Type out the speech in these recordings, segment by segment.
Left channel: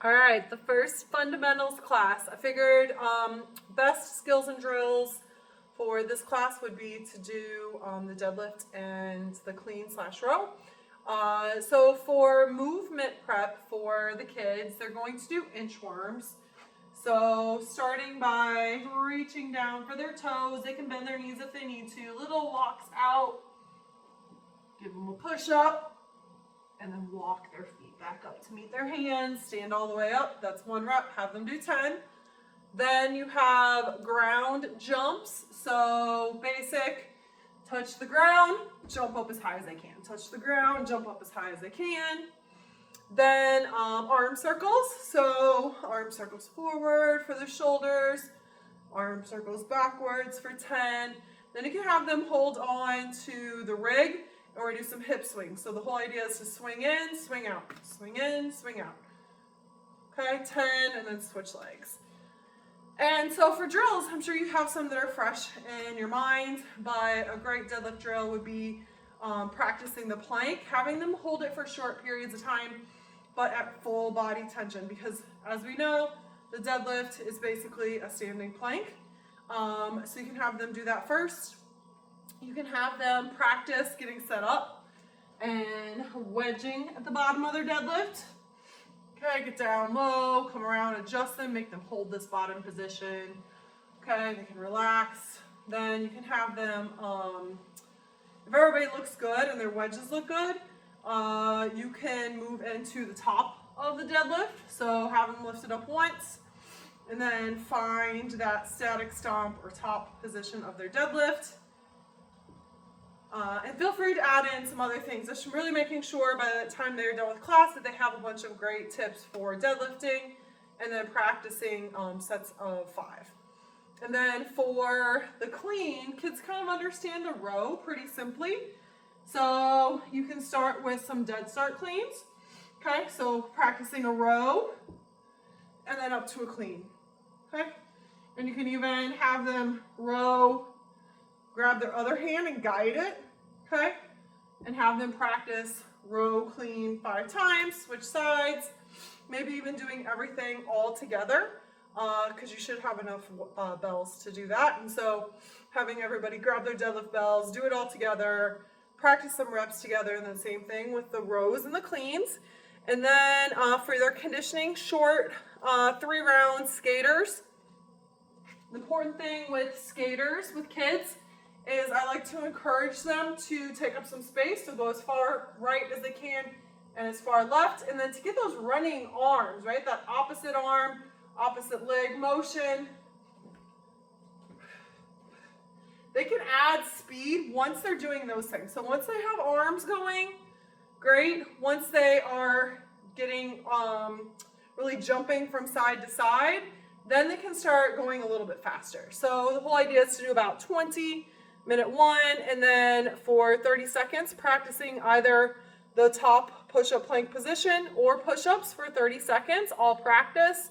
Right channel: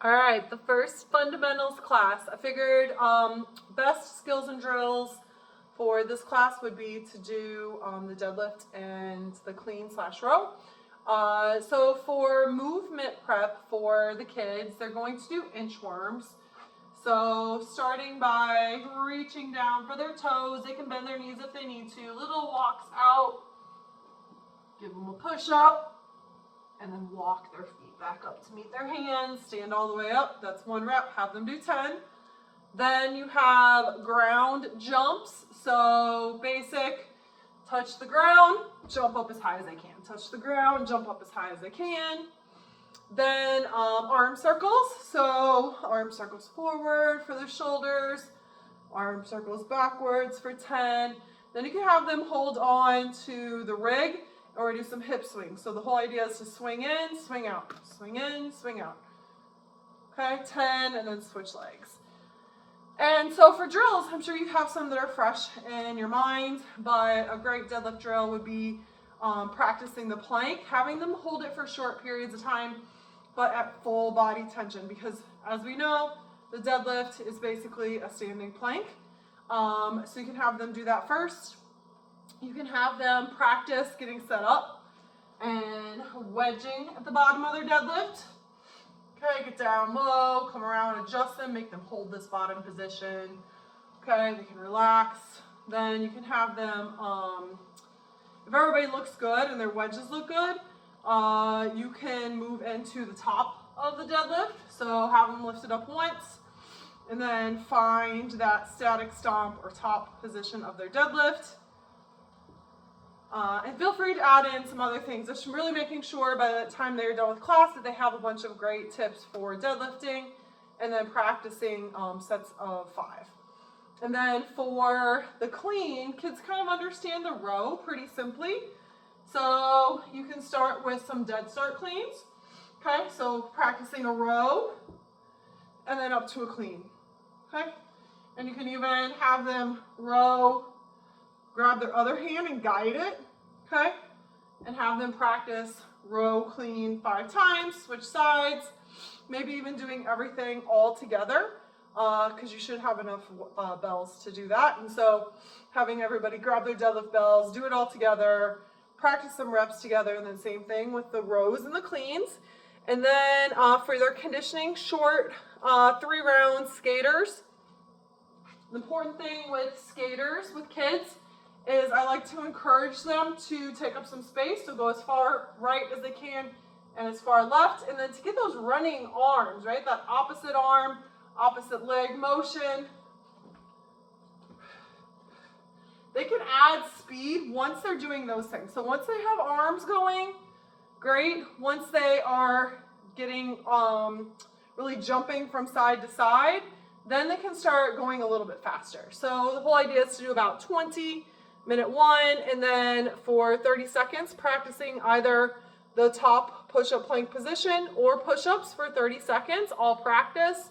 All right, the first fundamentals class. I figured best skills and drills for this class would be to do the deadlift and the clean/row. So for movement prep for the kids, they're going to do inchworms. So starting by reaching down for their toes, they can bend their knees if they need to. Little walks out, give them a push up, and then walk their feet back up to meet their hands, stand all the way up. That's 1 rep, have them do 10. Then you have ground jumps. So basic, touch the ground, jump up as high as they can. Touch the ground, jump up as high as they can. Then arm circles. So arm circles forward for the shoulders, arm circles backwards for 10. Then you can have them hold on to the rig or do some hip swings. So the whole idea is to swing in, swing out, swing in, swing out. Okay, 10, and then switch legs. And so for drills, I'm sure you have some that are fresh in your mind, but a great deadlift drill would be practicing the plank, having them hold it for short periods of time, but at full body tension, because as we know, the deadlift is basically a standing plank. So you can have them do that first. You can have them practice getting set up and wedging at the bottom of their deadlift. Okay, get down low, come around, adjust them, make them hold this bottom position. Okay, they can relax. Then you can have them, if everybody looks good and their wedges look good, you can move into the top of the deadlift. So have them lifted up once and then find that static stomp or top position of their deadlift. And feel free to add in some other things. Just really making sure by the time they're done with class that they have a bunch of great tips for deadlifting and then practicing sets of 5. And then for the clean, kids kind of understand the row pretty simply. So you can start with some dead start cleans. Okay, so practicing a row and then up to a clean. Okay, and you can even have them row, grab their other hand and guide it, okay? And have them practice row clean 5 times, switch sides, maybe even doing everything all together, because you should have enough bells to do that. And so having everybody grab their deadlift bells, do it all together, practice some reps together, and then same thing with the rows and the cleans. And then for their conditioning, short 3-round skaters. The important thing with skaters, with kids, is I like to encourage them to take up some space, so go as far right as they can and as far left, and then to get those running arms, right? That opposite arm, opposite leg motion. They can add speed once they're doing those things. So once they have arms going, great. Once they are getting really jumping from side to side, then they can start going a little bit faster. So the whole idea is to do about 20, minute 1, and then for 30 seconds, practicing either the top push-up plank position or push-ups for 30 seconds, all practice.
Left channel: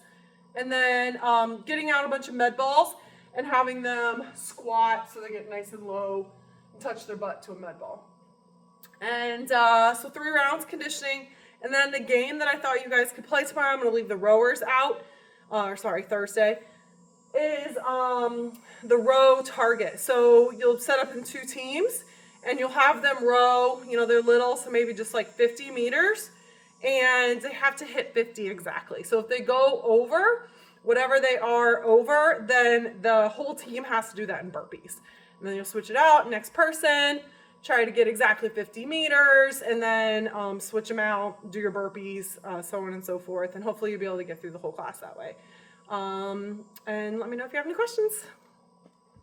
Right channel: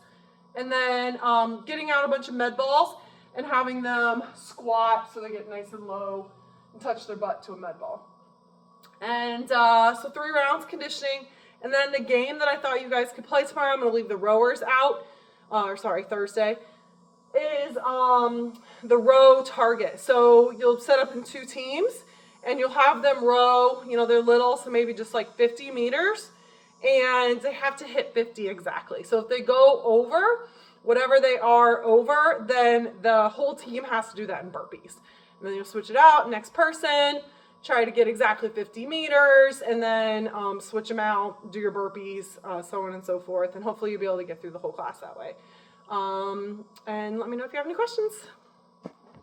And then getting out a bunch of med balls and having them squat so they get nice and low and touch their butt to a med ball. And so 3 rounds conditioning. And then the game that I thought you guys could play tomorrow, I'm going to leave the rowers out, Thursday, is the row target. So you'll set up in 2 teams and you'll have them row, they're little, so maybe just like 50 meters, and they have to hit 50 exactly. So if they go over whatever they are over, then the whole team has to do that in burpees. And then you'll switch it out, next person, try to get exactly 50 meters, and then switch them out, do your burpees, so on and so forth, and hopefully you'll be able to get through the whole class that way. And let me know if you have any questions.